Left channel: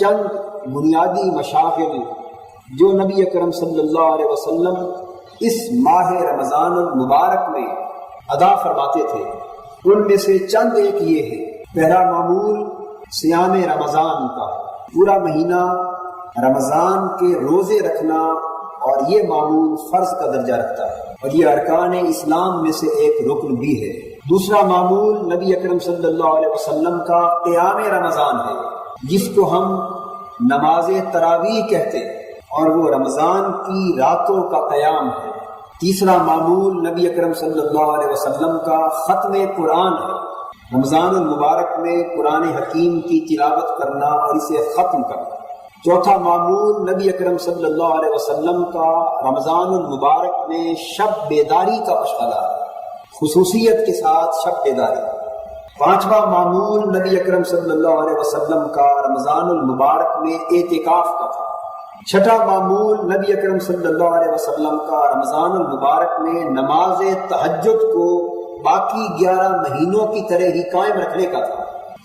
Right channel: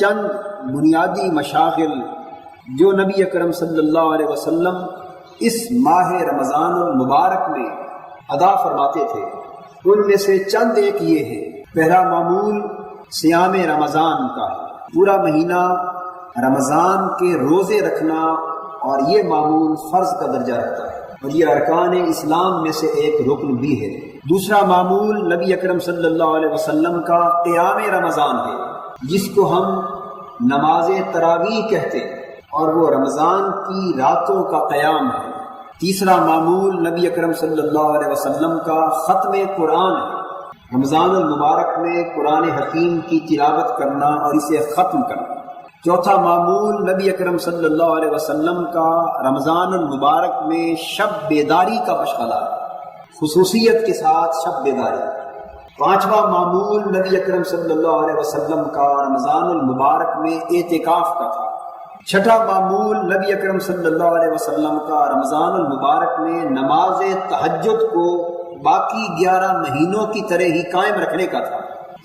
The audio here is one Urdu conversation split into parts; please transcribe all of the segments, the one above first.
چند بنیادی مشاغل جو نبی اکرم صلی اللہ علیہ وسلم اس ماہ رمضان المبارک میں ادا فرماتے تھے، ان میں سے چند ایک یہ ہے۔ پہلا معمول صیام رمضان کا ہے، پورا مہینہ رمضان کے روزے رکھنا، اور یہ معمول فرض کا درجہ رکھتا ہے اور یہ ارکان اسلام میں سے ایک رکن بھی ہے۔ دوسرا معمول نبی اکرم صلی اللہ علیہ وسلم کا قیام رمضان ہے، جس کو ہم نماز تراویح کہتے ہیں، اور وہ رمضان کی راتوں کا قیام ہے۔ تیسرا معمول نبی اکرم صلی اللہ علیہ وسلم کا ختم قرآن ہے، رمضان المبارک میں قرآن حکیم کی تلاوت کرنا اور اسے ختم کرنا۔ چوتھا معمول نبی اکرم صلی اللہ علیہ وسلم کا رمضان المبارک میں شب بیداری کا مشغلہ ہے، خصوصیت کے ساتھ شب بیداری۔ پانچواں معمول نبی اکرم صلی اللہ علیہ وسلم کا رمضان المبارک میں اعتکاف کا تھا۔ چھٹا معمول نبی اکرم صلی اللہ علیہ وسلم کا رمضان المبارک میں نماز تہجد کو باقی 11 مہینوں کی طرح ہی قائم رکھنے کا تھا۔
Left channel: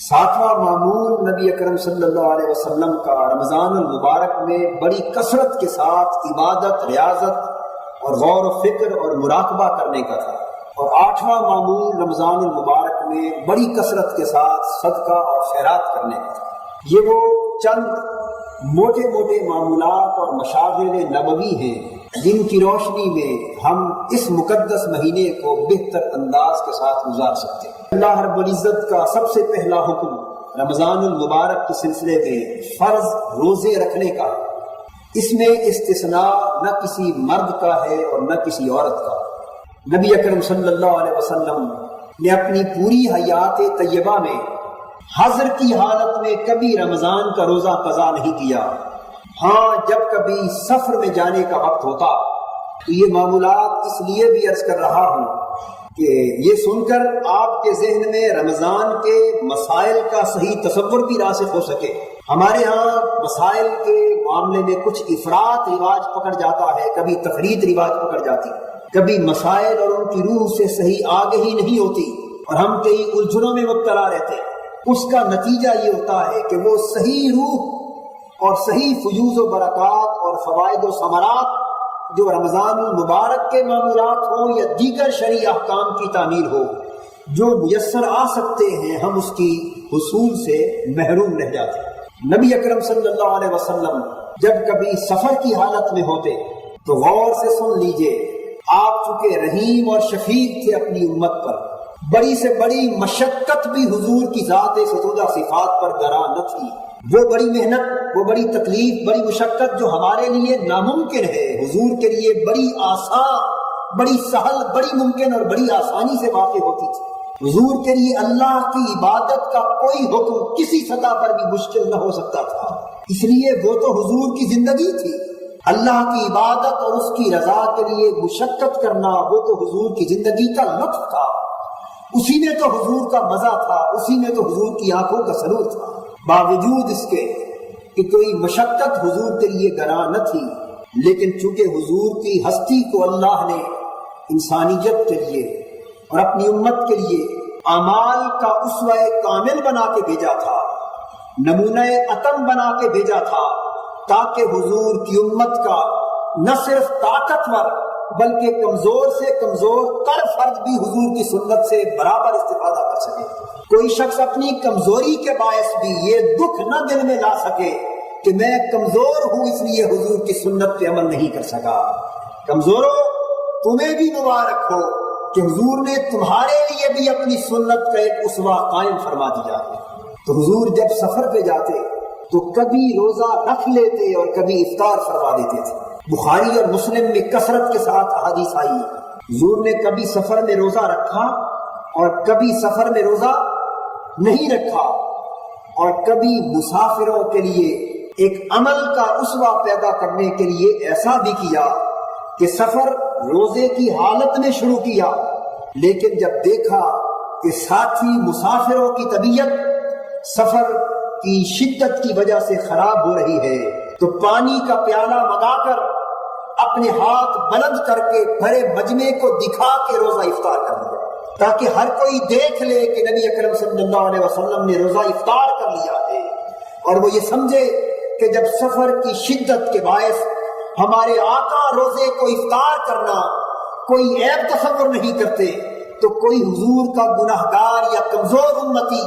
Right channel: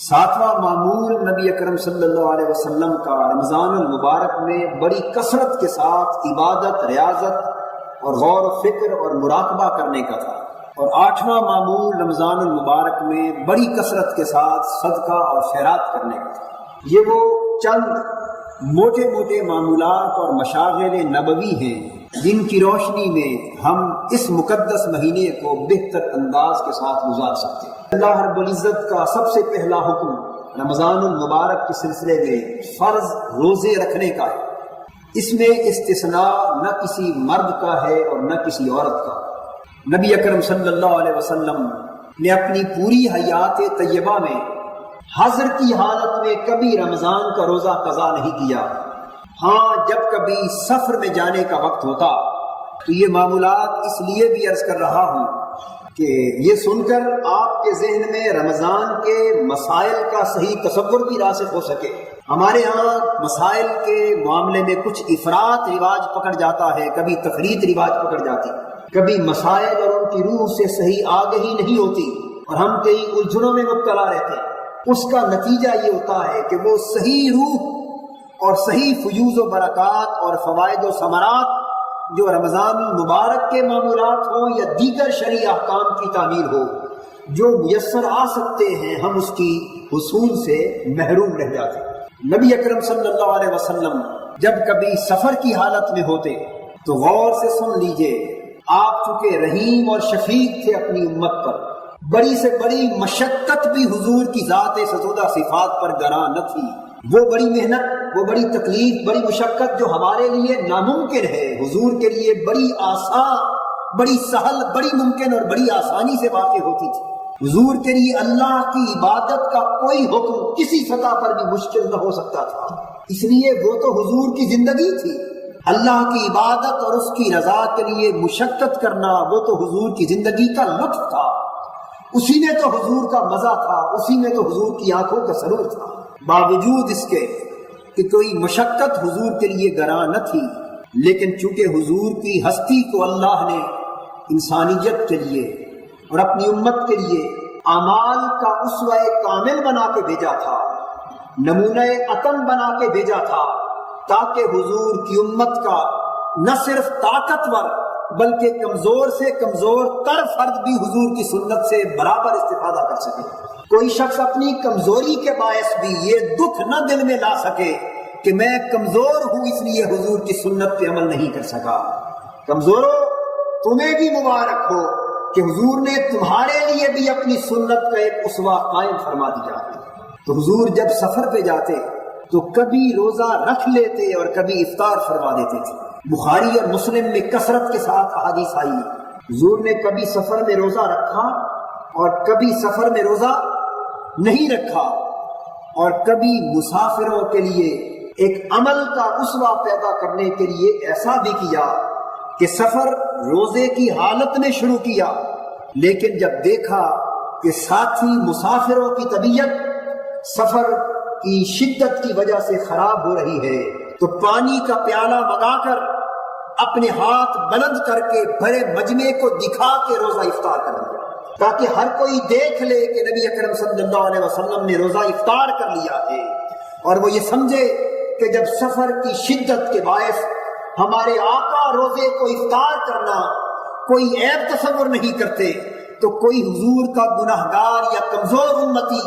ساتواں معمول نبی اکرم صلی اللہ علیہ وسلم کا رمضان المبارک میں بڑی کثرت کے ساتھ عبادت، ریاضت اور غور و فکر اور مراقبہ کرنے کا تھا۔ اور آٹھواں معمول رمضان المبارک میں بڑی کثرت کے ساتھ صدقہ اور خیرات کرنے کا تھا۔ یہ وہ چند موٹے موٹے معمولات اور مشاغل نبوی ہیں جن کی روشنی میں ہم اس مقدس مہینے کو بہتر انداز کے ساتھ گزار سکتے ہیں۔ اللہ رب العزت کا سب سے پہلا حکم رمضان المبارک کے سلسلے میں فرض روزے رکھنے کا ہے۔ اس میں استثناء نہ کسی مرد کا ہے اور نہ کسی عورت کا۔ نبی اکرم صلی اللہ علیہ وسلم نے اپنی پوری حیات طیبہ میں حضر کی حالت میں کبھی رمضان کا روزہ قضا نہیں کیا۔ ہاں، جب کبھی سفر میں جانے کا وقت ہوتا تو یہ معمولات اس لیے بھی عرض کر رہا ہوں کہ یہ سن کر آپ کے ذہن میں رمضان کے مسائل کا صحیح تصور بھی راسخ ہو سکے۔ ہمارے ہاں مسائل کے معاملے میں کچھ افراط رواج پکڑ جاتا ہے، کبھی تفریط رواج پکڑ جاتی، کبھی مسائل اور ان کی روح سے صحیح آگہی نہیں ہوتی اور ہم کئی الجھنوں میں مبتلا رہتے ہیں۔ اس کا نتیجہ یہ ہوتا ہے کہ وہ صحیح روح اور صحیح فیوز و برکات اور فوائد و ثمرات جو رمضان المبارک کے معمولات ہوں یا دیگر شرعی احکام کی تعمیل ہو جو میسر آ سکتے ہیں، ہم اس کی حصول سے محروم رہ جاتے ہیں۔ نبی اکرم صلی اللہ علیہ وسلم جب کبھی سفر کی حالت میں ہوتے تو غور سے سن لیجئے، آپ چونکہ رحیم اور شفیق تھے اپنی امت پر، بڑی سے بڑی مشقت بھی حضور کی ذات ستودہ صفات پر گراں نہ تھی۔ وہ بڑی محنت، وہ بڑی تکلیف، بڑی مشقت جو ہمارے لیے ناممکن ہے، حضور کے لیے بڑی آسان، بڑی سہل، بڑی ممکن اور بڑی آسانی سے واقع ہوتی تھی۔ حضور کے لیے اللہ کی عبادت کا کوئی حکم کسی سطح پر بھی مشکل نہ ہو سکتا تھا، اس لیے وہ تو حضور کی زندگی تھی۔ اللہ کی عبادت اور اس کی رضا کے لیے مشقت کرنا وہ تو حضور کی زندگی کا لطف تھا، اسی میں تو حضور کا مزہ تھا، اسی میں تو حضور کی آنکھوں کا سرور تھا۔ باوجود اس کے کہ کوئی مشقت حضور کے لیے گراں نہ تھی، لیکن چونکہ حضور کی ہستی کو اللہ نے انسانیت کے لیے اور اپنی امت کے لیے اعمال کا اسوہ کامل بنا کے بھیجا تھا، نمونہ اتم بنا کے بھیجا تھا، تاکہ حضور کی امت کا نہ صرف طاقتور بلکہ کمزور سے کمزور تر فرد بھی حضور کی سنت سے برابر استفادہ کر سکے۔ کوئی شخص اپنی کمزوری کے باعث بھی یہ دکھ نہ دل میں لا سکے کہ میں کمزور ہوں اس لیے حضور کی سنت پہ عمل نہیں کر سکا۔ کمزوروں، تمہیں بھی مبارک ہو کہ حضور نے تمہارے لیے بھی اپنی سنت کا ایک اسوہ قائم فرما دیا۔ تو حضور جب سفر پہ جاتے تو کبھی روزہ رکھ لیتے اور کبھی افطار فرما دیتے تھے۔ بخاری اور مسلم میں کثرت کے ساتھ احادیث آئی، حضور نے کبھی سفر میں روزہ رکھا اور کبھی سفر میں روزہ نہیں رکھا، اور کبھی مسافروں کے لیے ایک عمل کا اسوہ پیدا کرنے کے لیے ایسا بھی کیا کہ سفر روزے کی حالت میں شروع کیا، لیکن جب دیکھا کہ ساتھی مسافروں کی طبیعت سفر کی شدت کی وجہ سے خراب ہو رہی ہے تو پانی کا پیالہ منگا کر اپنے ہاتھ بلند کر کے بھرے مجمع کو دکھا کے روزہ افطار کر لیا، تاکہ ہر کوئی دیکھ لے کہ نبی اکرم صلی اللہ علیہ وسلم نے روزہ افطار کر لیا ہے۔ اور وہ یہ سمجھے کہ جب سفر کی شدت کے باعث ہمارے آقا روزے کو افطار کرنا کوئی عیب تصور نہیں کرتے، تو کوئی حضور کا گناہگار یا کمزور امتی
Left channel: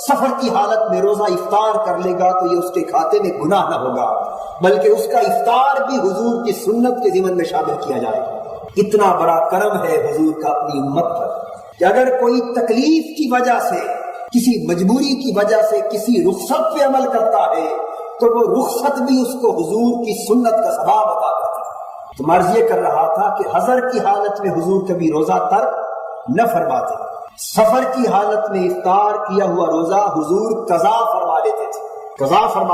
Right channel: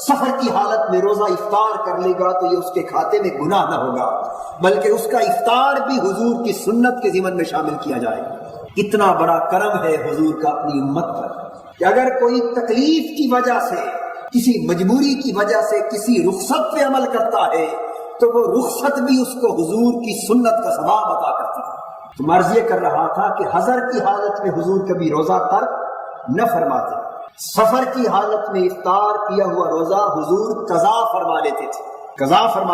سفر کی حالت میں روزہ افطار کر لے گا تو یہ اس کے کھاتے میں گناہ نہ ہوگا، بلکہ اس کا افطار بھی حضور کی سنت کے ضمن میں شامل کیا جائے گا۔ اتنا بڑا کرم ہے حضور کا اپنی امت پر کہ اگر کوئی تکلیف کی وجہ سے، کسی مجبوری کی وجہ سے کسی رخصت پہ عمل کرتا ہے تو وہ رخصت بھی اس کو حضور کی سنت کا ثواب عطا کرتی ہے۔ تو مرض یہ کر رہا تھا کہ حضر کی حالت میں حضور کبھی روزہ ترک نہ فرماتے، سفر کی حالت میں افطار کیا ہوا روزہ حضور قضا فرما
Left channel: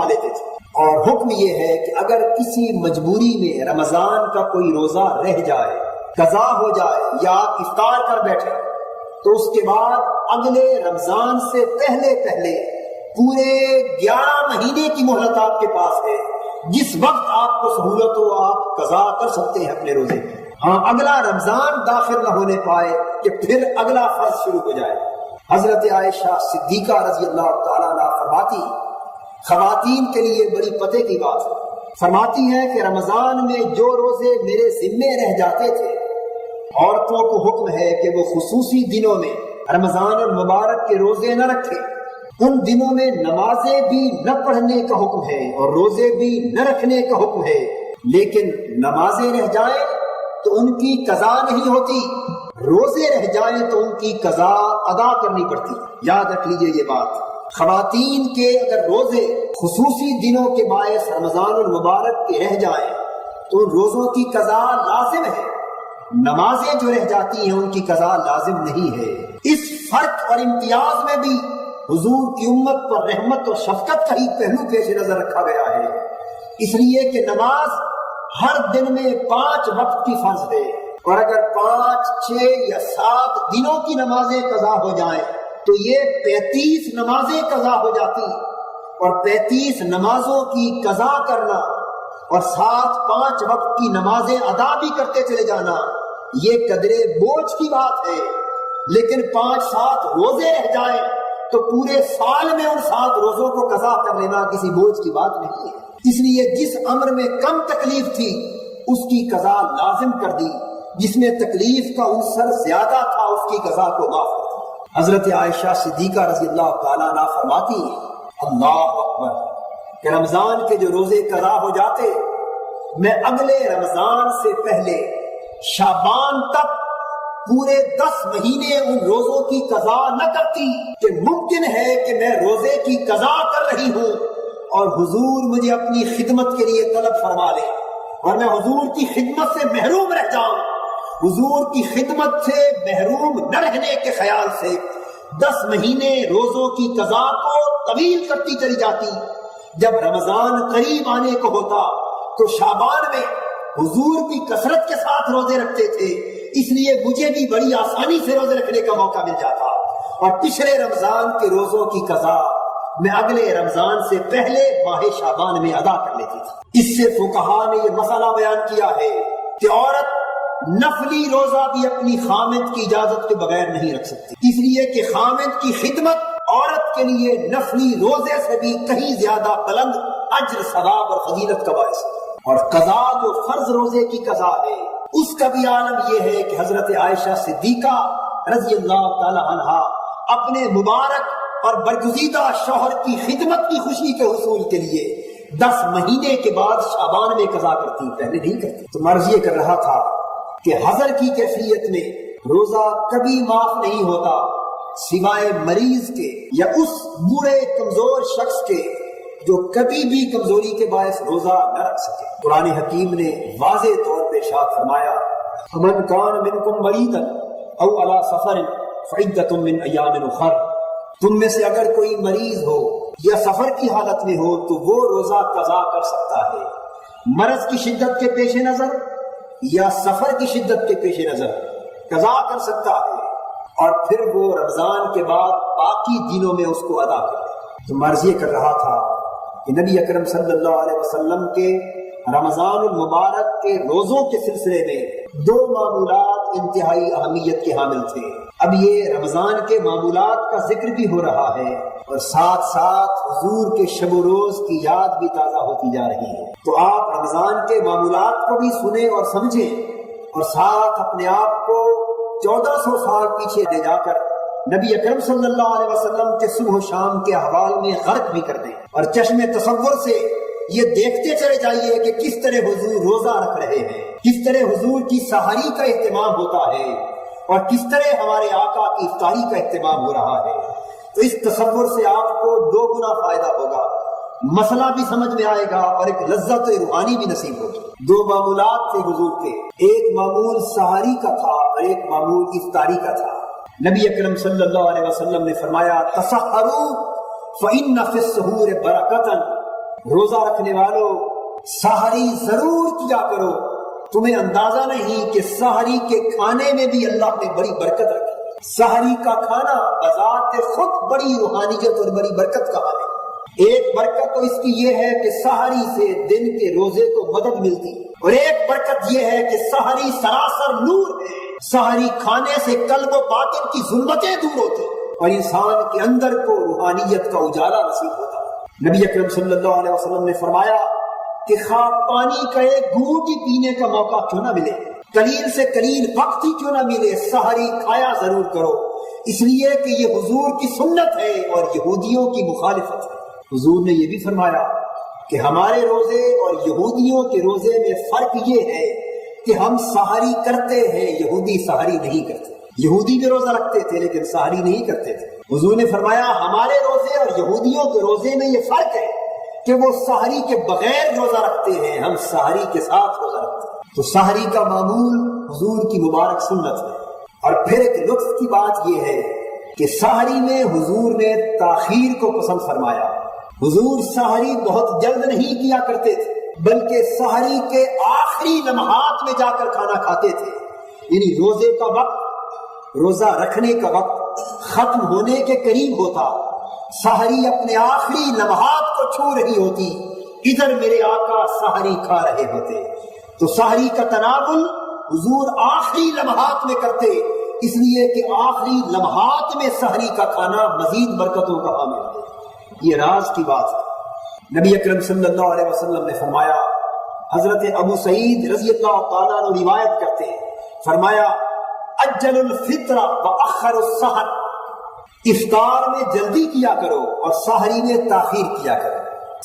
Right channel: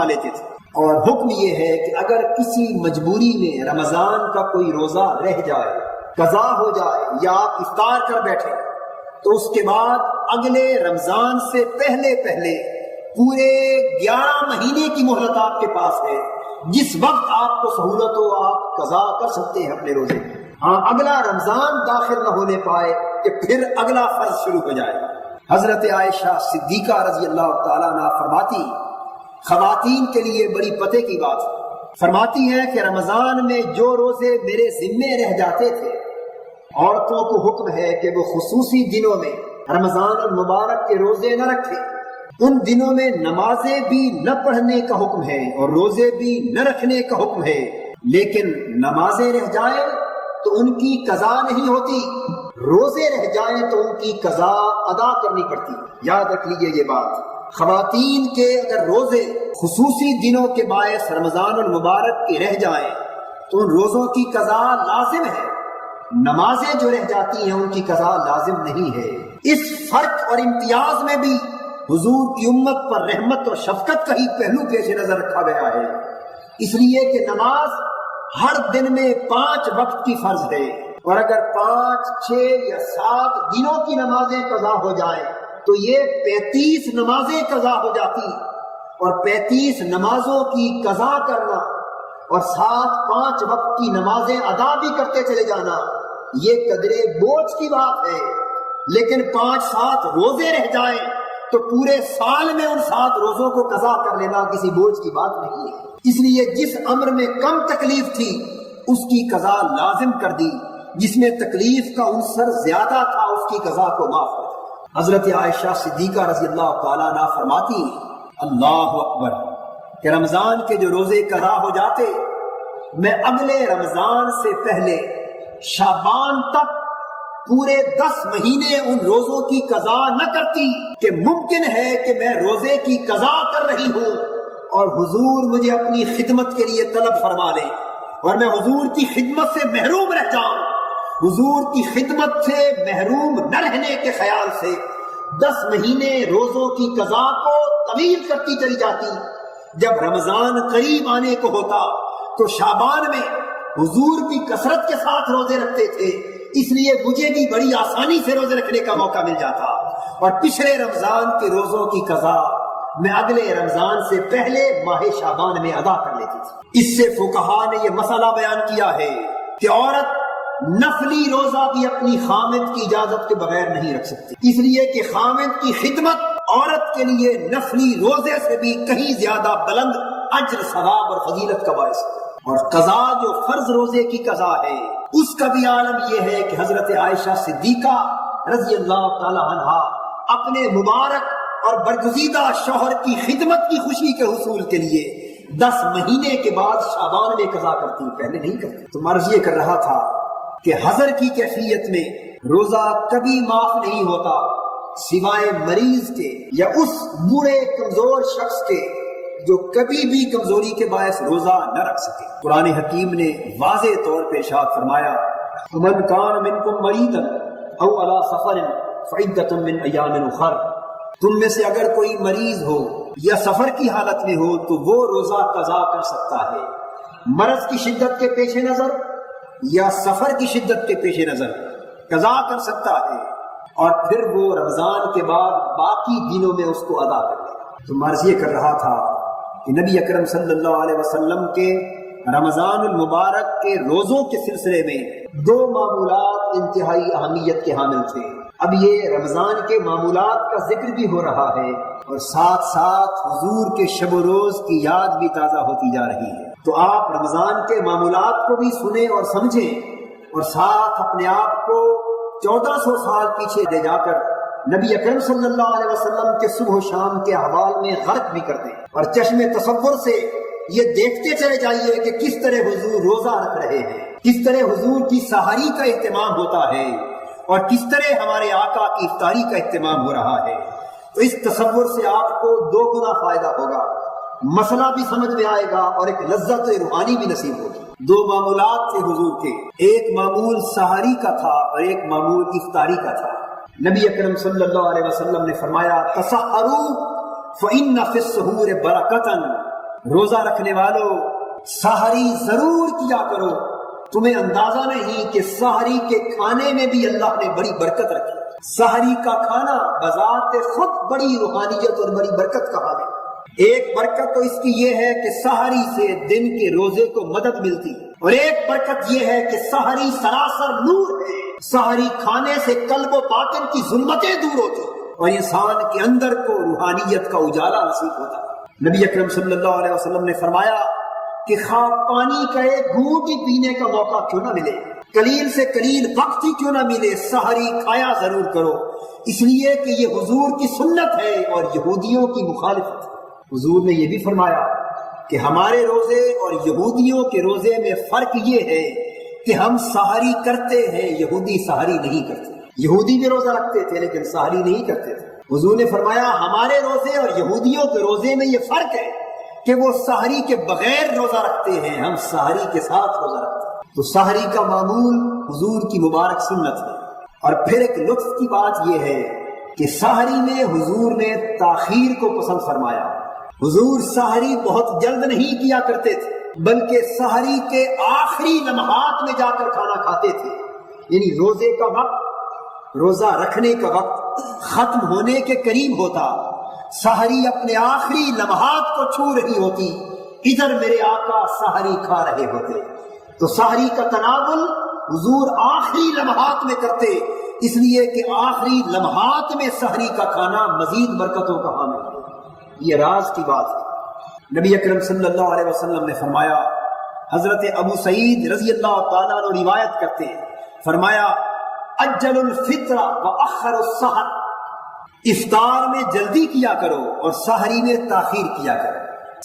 لیتے تھے۔ اور حکم یہ ہے کہ اگر کسی مجبوری میں رمضان کا کوئی روزہ رہ جائے، قضا ہو جائے یا آپ افطار کر بیٹھے، تو اس کے بعد اگلے رمضان سے پہلے پورے 11 مہینے کی مہلت آپ کے پاس ہے، جس وقت آپ کو سہولت ہو آپ قضا کر سکتے ہیں اپنے روزے۔ ہاں، اگلا رمضان داخل نہ ہونے پائے کہ پھر اگلا فرض شروع ہو جائے۔ حضرت عائشہ صدیقہ رضی اللہ تعالیٰ عنہ فرماتی، خواتین کے لیے بڑی پتے کی بات ہے، فرماتی ہے کہ رمضان میں جو روزے میرے ذمے رہ جاتے تھے، عورتوں کو حکم ہے کہ وہ خصوصی دنوں میں رمضان المبارک کے روزے نہ رکھے، ان دنوں میں نمازیں بھی نہ پڑھنے کا حکم ہے اور روزے بھی نہ رکھنے کا حکم ہے، لیکن نمازیں رہ جائیں تو ان کی قضا نہیں ہوتی، روزے رہ جائیں تو ان کی قضا ادا کرنی پڑتی۔ یاد رکھ لیجئے یہ بات، خواتین کے اگر روزے خصوصی دنوں کے باعث رمضان المبارک کے رہ جائیں تو ان روزوں کی قضا لازم ہے، نمازیں جو رہ جاتی ہیں ان کی قضا لازم نہیں ہے۔ اس فرق اور امتیاز میں بھی حضور کی امت پر رحمت اور شفقت کا ہی پہلو پیش نظر رکھا گیا ہے، اس لیے کہ نماز ہر دن میں 5 وقت کی فرض ہے، اور اگر 5، 6 یا 7 دنوں کی نمازیں قضا ہو جائیں تو یہ 35 نمازیں قضا ہو جاتی، اور 35 نمازوں کی قضا کرنا اور ساتھ 5 وقت کی نمازیں ادا بھی کرتے چلے جانا یہ قدرے بوجھ کی بات ہے۔ لیکن 5-7 روزے رہ جائیں تو پورے سال میں ان 7 روزوں کو قضا کر لینا کسی بوجھ کی بات نہیں ہے، اس لیے جس امر میں کم تکلیف تھی اس کی قضا لازم کر دی، جس میں تکلیف کا عنصر زیادہ تھا اس کی قضا کو معاف کر دی۔ حضرت عائشہ صدیقہ رضی اللہ تعالیٰ عنہ فرماتی ہیں، اللہ اکبر، کہ رمضان کے جو روزے قضا ہو جاتے میں اگلے رمضان سے پہلے شعبان تک پورے 10 مہینے ان روزوں کی قضا نہ کرتی کہ ممکن ہے کہ میں روزے کی قضا کر رہی ہوں اور حضور مجھے اپنی خدمت کے لیے طلب فرما لے اور میں حضور کی خدمت سے محروم رہ جاؤں۔ حضور کی خدمت سے محروم نہ رہنے کے خیال سے 10 مہینے روزوں کی قضا کو طویل کرتی چلی جاتی۔ جب رمضان قریب آنے کو ہوتا تو شعبان میں حضور بھی کثرت کے ساتھ روزے رکھتے تھے، اس لیے مجھے بھی بڑی آسانی سے روزے رکھنے کا موقع مل جاتا، اور پچھلے رمضان کے روزوں کی قضا میں اگلے رمضان سے پہلے ماہ شعبان میں ادا کر لیتی تھی۔ اس سے فقہا نے یہ مسئلہ بیان کیا ہے کہ عورت نفلی روزہ بھی اپنی خامد کی اجازت کے بغیر نہیں رکھ سکتی، اس لیے کہ خامد کی خدمت عورت کے لیے نفلی روزے سے بھی کہیں زیادہ بلند اجر، ثواب اور فضیلت کا باعث ہے۔ اور قضا جو فرض روزے کی قضا ہے اس کا بھی عالم یہ ہے کہ حضرت عائشہ صدیقہ رضی اللہ تعالی عنہا اپنے مبارک اور برگزیدہ شوہر کی خدمت کی خوشی کے حصول کے لیے 10 مہینے کے بعد شعبان میں قضا کرتی، پہلے نہیں کرتی۔ تو مرض یہ کر رہا تھا کہ حضر کی کیفیت میں روزہ کبھی معاف نہیں ہوتا سوائے مریض کے یا اس بوڑھے کمزور شخص کے جو کبھی بھی کمزوری کے باعث روزہ نہ رکھ سکے۔ قرآن حکیم نے واضح طور پہ ارشاد فرمایا، فَمَنْ كَانَ مِنْكُمْ مَرِيضًا أَوْ عَلَى سَفَرٍ فَعِدَّةٌ مِّنْ أَيَّامٍ أُخَرَ، تم میں سے اگر کوئی مریض ہو یا سفر کی حالت میں ہو تو وہ روزہ قضا کر سکتا ہے، مرض کی شدت کے پیش نظر یا سفر کی شدت کے پیش نظر قضا کر سکتا ہے، اور پھر وہ رمضان کے بعد باقی دنوں میں اس کو ادا کر لے۔ تو مرض یہ کر رہا تھا کہ نبی اکرم صلی اللہ علیہ وسلم کے رمضان المبارک کے روزوں کے سلسلے میں دو معمولات انتہائی اہمیت کے حامل تھے۔ اب یہ رمضان کے معمولات کا ذکر بھی ہو رہا ہے اور ساتھ ساتھ حضور کے شب و روز کی یاد بھی تازہ ہوتی جا رہی ہے، تو آپ رمضان کے معمولات کو بھی سنیں اور سمجھیں اور ساتھ اپنے آپ کو 1400 سال پیچھے لے جا کر نبی اکرم صلی اللہ علیہ وسلم کے صبح و شام کے احوال میں غرق بھی کر دیں، اور چشم تصور سے یہ دیکھتے چلے جائیے کہ کس طرح حضور روزہ رکھ رہے ہیں، کس طرح حضور کی سحری کا اہتمام ہوتا ہے اور کس طرح ہمارے آقا کی افطاری کا اہتمام ہو رہا ہے۔ تو اس تصور سے آپ کو 2 گنا فائدہ ہوگا، مسئلہ بھی سمجھ میں آئے گا اور ایک لذت روحانی بھی نصیب ہوگی۔ 2 معمولات تھے حضور کے، ایک معمول سحری کا تھا اور ایک معمول افطاری کا تھا۔ نبی اکرم صلی اللہ علیہ وسلم نے فرمایا تسحروا فإن فی السحور برکۃ، روزہ رکھنے والوں سحری ضرور کیا کرو، تمہیں اندازہ نہیں کہ سحری کے کھانے میں بھی اللہ نے بڑی برکت رکھی۔ سحری کا کھانا بذات خود بڑی روحانیت اور بڑی برکت کا حامل۔ ایک برکت تو اس کی یہ ہے کہ سحری سے دن کے روزے کو مدد ملتی، اور ایک برکت یہ ہے کہ سحری سراسر نور ہے، سحری کھانے سے قلب و باطن کی ظلمتیں دور ہوتی اور انسان کے اندر کو روحانیت کا اجالا نصیب ہوتا۔ نبی اکرم صلی اللہ علیہ وسلم نے فرمایا کہ خواہ پانی کا ایک گھونٹ ہی پینے کا موقع کیوں نہ ملے، قلیل سے قلیل وقت ہی کیوں نہ ملے، سحری کھایا ضرور کرو، اس لیے کہ یہ حضور کی سنت ہے اور یہودیوں کی مخالفت ہے۔ حضور نے یہ بھی فرمایا کہ ہمارے روزے اور یہودیوں کے روزے میں فرق یہ ہے کہ ہم سحری کرتے ہیں، یہودی سحری نہیں کرتے۔ یہودی بھی روزہ رکھتے تھے لیکن سحری نہیں کرتے تھے۔ حضور نے فرمایا ہمارے روزے اور یہودیوں کے روزے میں یہ فرق ہے کہ وہ سحری کے بغیر روزہ رکھتے ہیں، ہم سحری کے ساتھ روزہ رکھتے ہیں۔ تو سحری کا معمول حضور کی مبارک سنت ہے۔ اور پھر ایک لطف کی بات یہ ہے کہ سحری میں حضور نے تاخیر کو پسند فرمایا۔ حضور سحری بہت جلد نہیں کیا کرتے تھے بلکہ سحری کے آخری لمحات میں جا کر کھانا کھاتے تھے، یعنی روزے کا وقت، روزہ رکھنے کا وقت ختم ہونے کے قریب ہوتا، سحری اپنے آخری لمحات کو چھو رہی ہوتی، ادھر میرے آقا سحری کھا رہے ہوتے۔ تو سحری کا تناول حضور آخری لمحات میں کرتے، اس لیے کہ آخری لمحات میں سحری کا کھانا مزید برکتوں کا حامل ہے۔ یہ راز کی بات ہے۔ نبی اکرم صلی اللہ علیہ وسلم نے فرمایا، حضرت ابو سعید رضی اللہ تعالیٰ عنہ روایت کرتے ہیں، فرمایا اجل الفطر واخر السحر، افطار میں جلدی کیا کرو اور سحری میں تاخیر کیا کرو،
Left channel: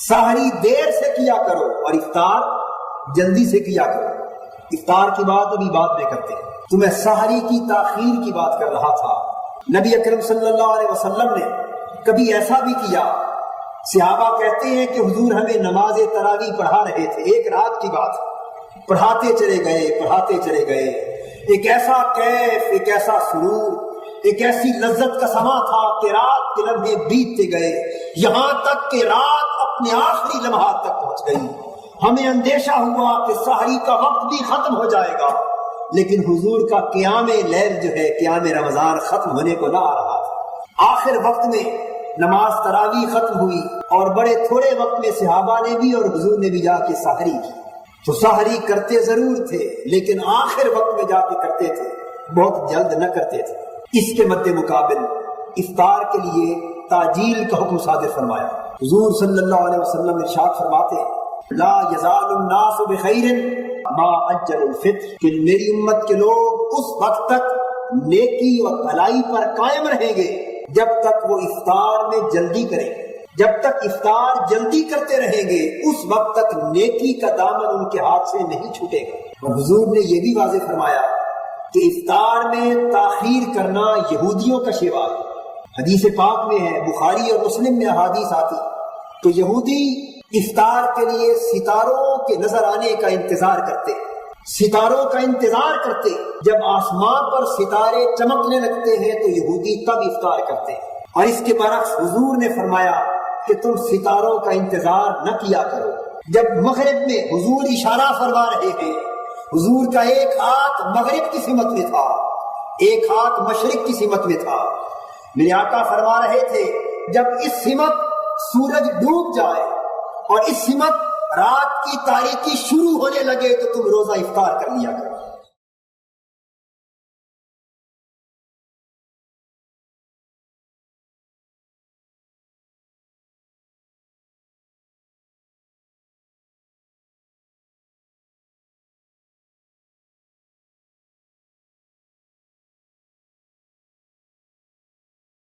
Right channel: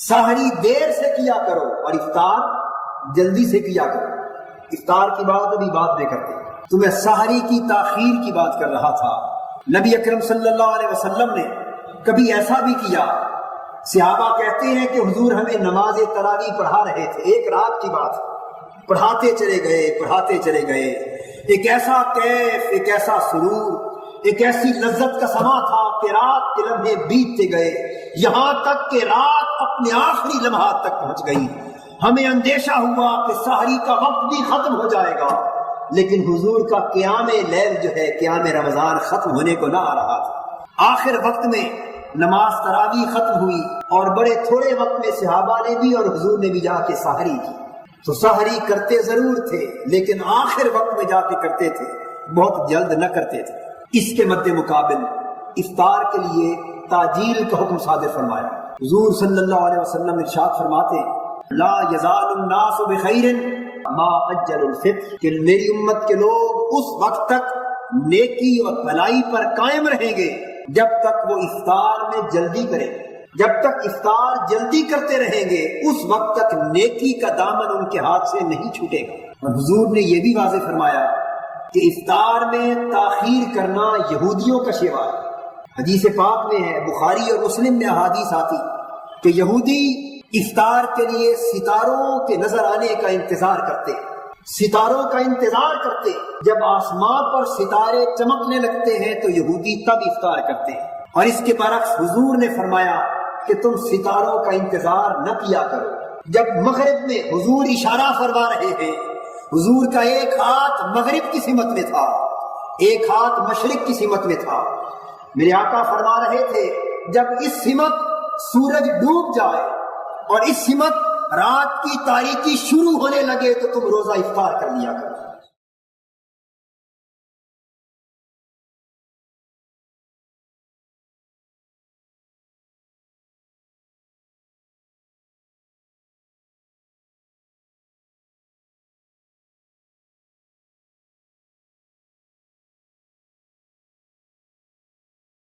سحری دیر سے کیا کرو اور افطار جلدی سے کیا کرو۔ افطار کی بات ابھی بعد میں کرتے ہیں، تو میں سحری کی تاخیر کی بات کر رہا تھا۔ نبی اکرم صلی اللہ علیہ وسلم نے کبھی ایسا بھی کیا، صحابہ کہتے ہیں کہ حضور ہمیں نماز تراویح پڑھا رہے تھے، ایک رات کی بات، پڑھاتے چلے گئے، ایک ایسا کیف، ایک ایسا سرور، ایک ایسی لذت کا سما تھا کہ رات کے لمحے بیتتے گئے، یہاں تک کہ رات اپنے آخری لمحات تک پہنچ گئی۔ ہمیں اندیشہ ہوا کہ سحری کا وقت بھی ختم ہو جائے گا، لیکن حضور کا قیام لیل جو ہے، قیام رمضان ختم ہونے کو نہ آ رہا تھا۔ آخر وقت میں نماز تراویح ختم ہوئی اور بڑے تھوڑے وقت میں صحابہ نے بھی اور حضور نے بھی جا کے سحری کی۔ تو سحری کرتے ضرور تھے لیکن آخر وقت میں جا کے کرتے تھے، بہت جلد نہ کرتے تھے۔ اس کے مد مقابل افطار کے لیے تاجیل کا حکم صادر فرمایا۔ حضور صلی اللہ علیہ وسلم ارشاد فرماتے لا یزال الناس بخیر ما اجل الفطر، کہ میری امت کے لوگ اس وقت تک نیکی اور بھلائی پر قائم رہیں گے جب تک وہ افطار میں جلدی کریں، جب تک افطار جلدی کرتے رہیں گے اس وقت تک نیکی کا دامن ان کے ہاتھ سے نہیں چھوٹے گا۔ اور حضور نے یہ بھی واضح فرمایا کہ افطار میں تاخیر کرنا یہودیوں کا شیوا ہے۔ حدیث پاک میں ہے، بخاری اور مسلم میں احادیث آتی کہ یہودی افطار کے لیے ستاروں کے نظر آنے کا انتظار کرتے، ستاروں کا انتظار کرتے، جب آسمان پر ستارے چمکنے لگتے ہیں تو یہودی تب افطار کرتے ہیں۔ اور اس کے برعکس حضور نے فرمایا کہ تم ستاروں کا انتظار نہ کیا کرو۔ جب مغرب میں حضور اشارہ فرما رہے ہیں، حضور کا ایک ہاتھ مغرب کی سمت میں تھا، ایک ہاتھ مشرق کی سمت میں تھا، میرے آقا فرما رہے تھے جب اس سمت سورج ڈوب جائے اور اس سمت رات کی تاریکی شروع ہونے لگے تو تم روزہ افطار کر لیا کرو۔